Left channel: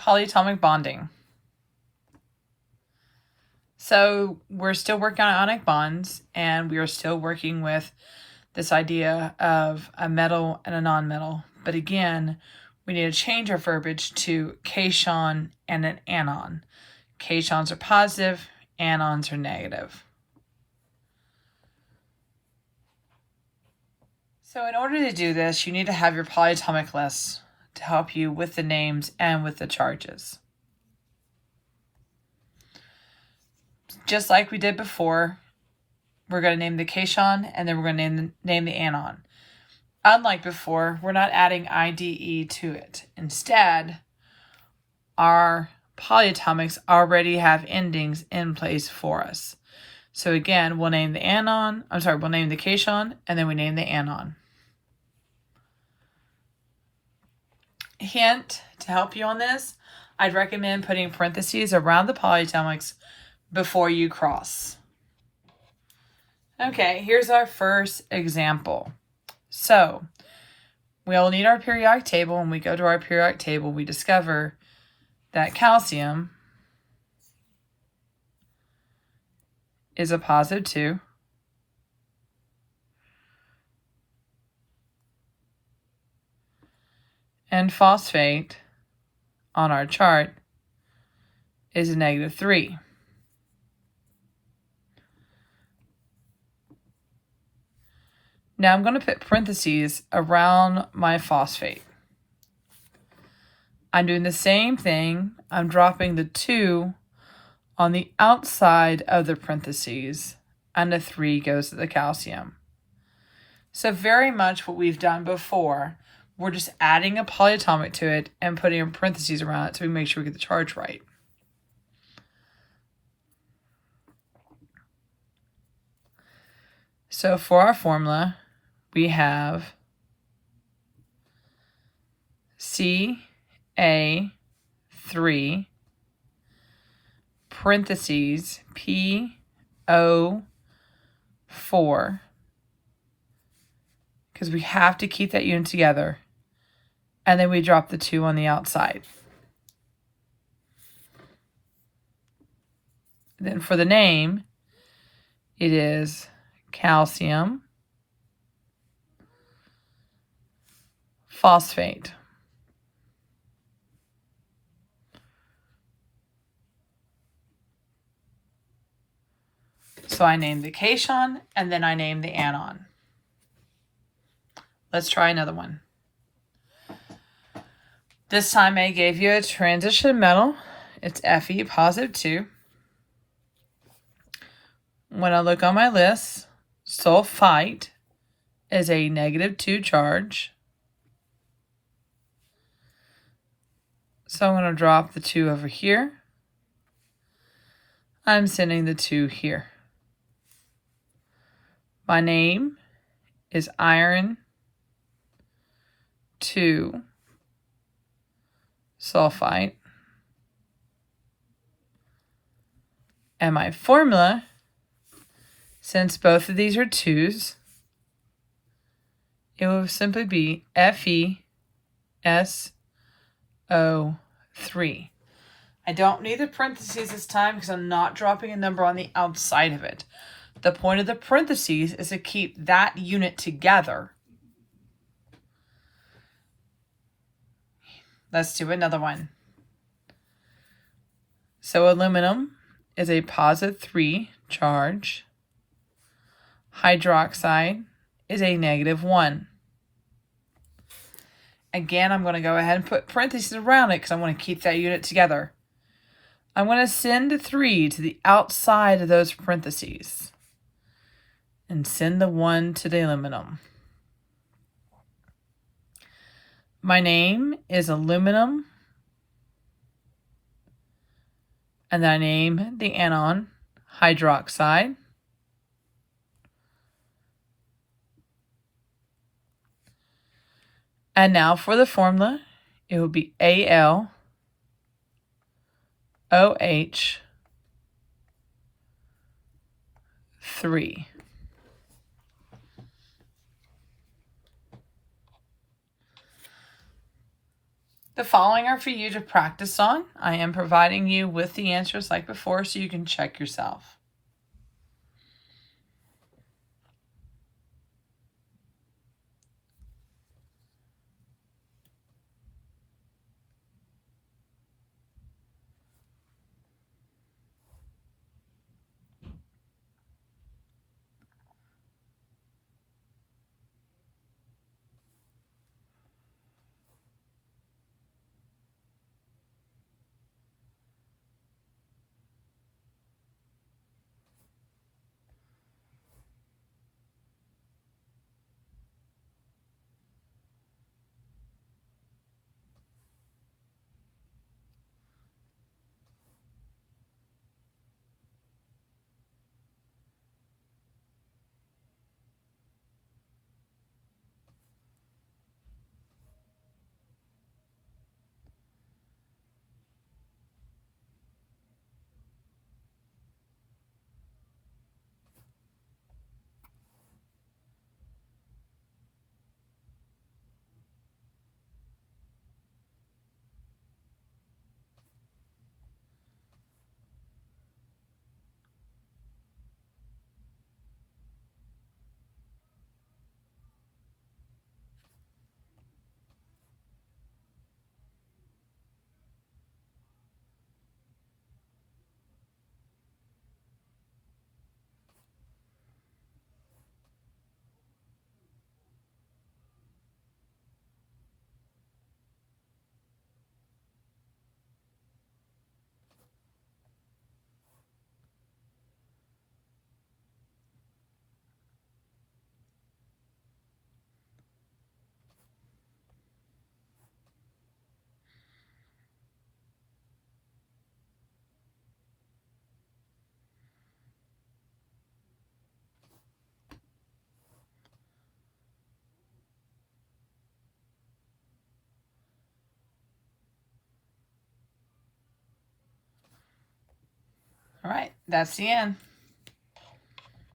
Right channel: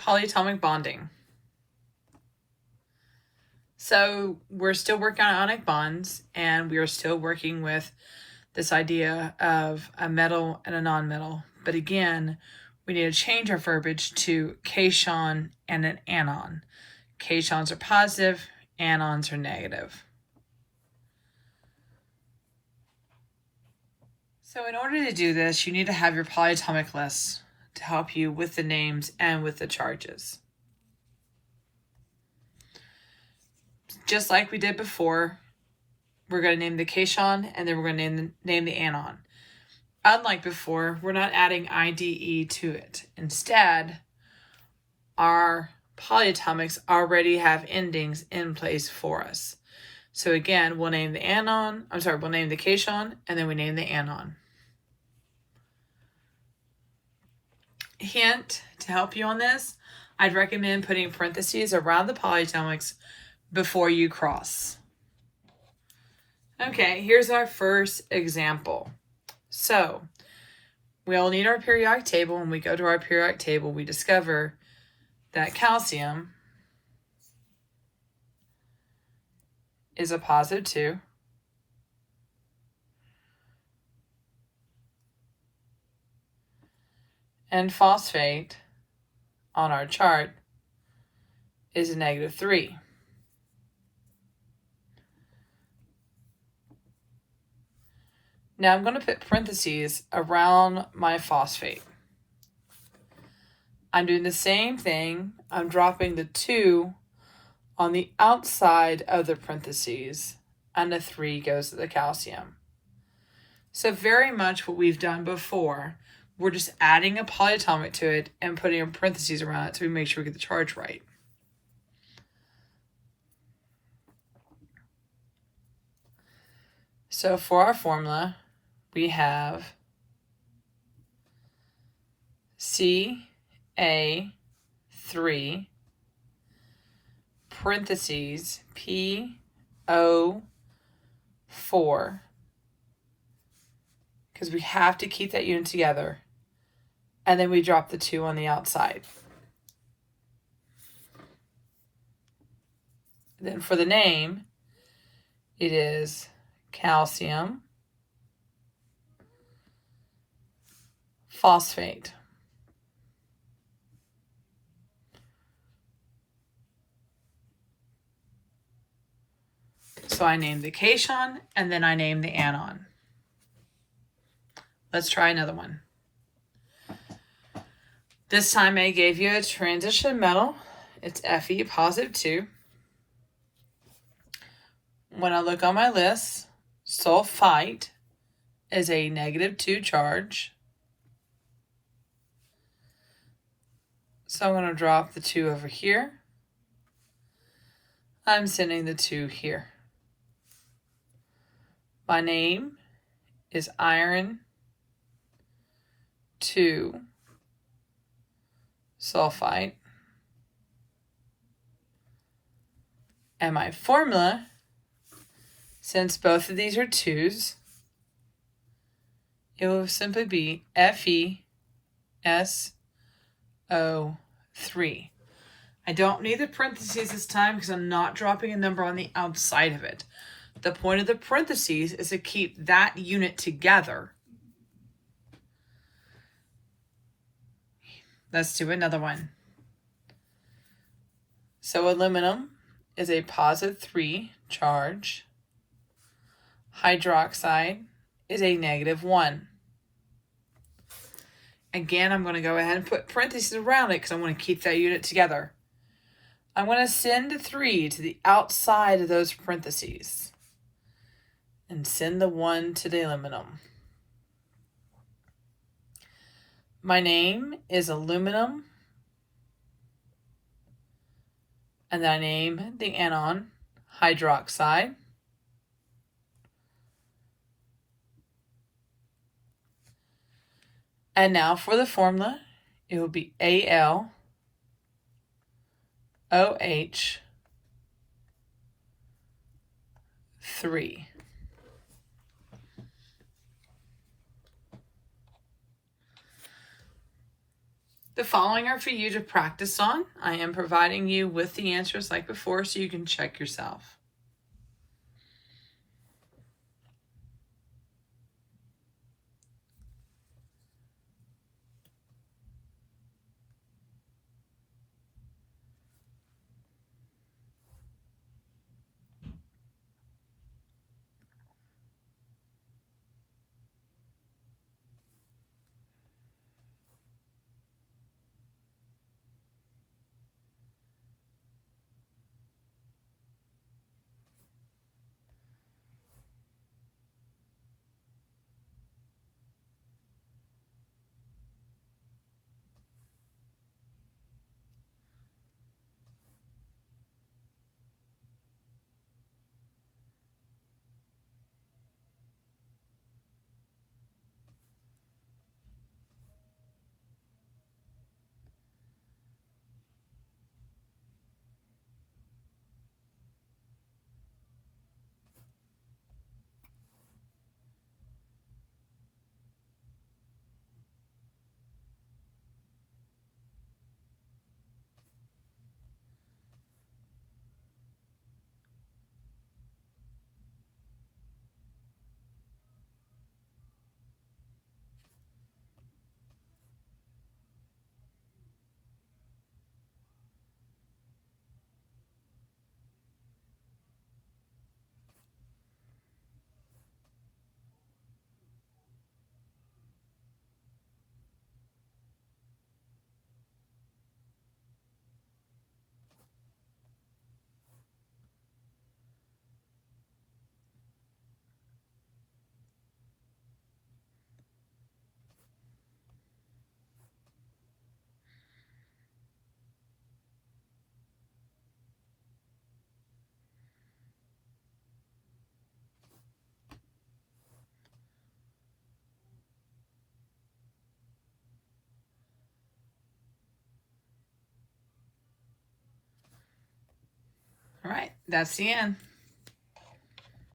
polyatomic bonding. So we're still working on ionic bonds, and we are still working with this idea of a metal and a nonmetal. But again, we need to change our verbiage to cation and an anion. Cations are positive, anions are negative. So in order to do this, you need to have your polyatomic list to help you with the names and with the charges. Just like we did before, we're going to name the cation and then we're going to name the anion. Unlike before, we're not adding IDE to it. Instead, our polyatomics already have endings in place for us. So again, we'll name the we'll name the cation and then we name the anion. Hint to help you on this, I'd recommend putting parentheses around the polyatomics before you cross. Okay, here's our first example. So we'll need our periodic table. When we go to our periodic table, we discover that calcium is a positive 2. And phosphate on our chart is a negative 3. Now I'm going to put parentheses around my phosphate. I'm doing the same thing. I'm dropping the 2 on the outside of the parentheses, and the 3 goes to the calcium. So very much what we've done before. We're just adding a polyatomic to it and putting parentheses around it so we make sure we get the charge right. So for our formula, we have Ca3 parentheses PO4, because we have to keep that unit together. And then we drop the 2 on the outside. Then for the name, it is calcium phosphate. So I named the cation and then I named the anion. Let's try another one. This time I gave you a transition metal. It's Fe positive 2. When I look on my list, sulfite is a negative 2 charge. So I'm going to drop the 2 over here. I'm sending the 2 here. My name is iron 2 sulfite. And my formula, since both of these are 2s, it will simply be FeSO3. I don't need the parentheses this time because I'm not dropping a number on the outside of it. The point of the parentheses is to keep that unit together. Let's do another one. So aluminum is a positive 3 charge. Hydroxide is a negative 1. Again, I'm going to go ahead and put parentheses around it because I want to keep that unit together. I'm going to send the 3 to the outside of those parentheses and send the 1 to the aluminum. My name is aluminum, and then I name the anion hydroxide. And now for the formula, it will be AlOH3. The following are for you to practice on. I am providing you with the answers like before so you can check yourself. All right, that's the end.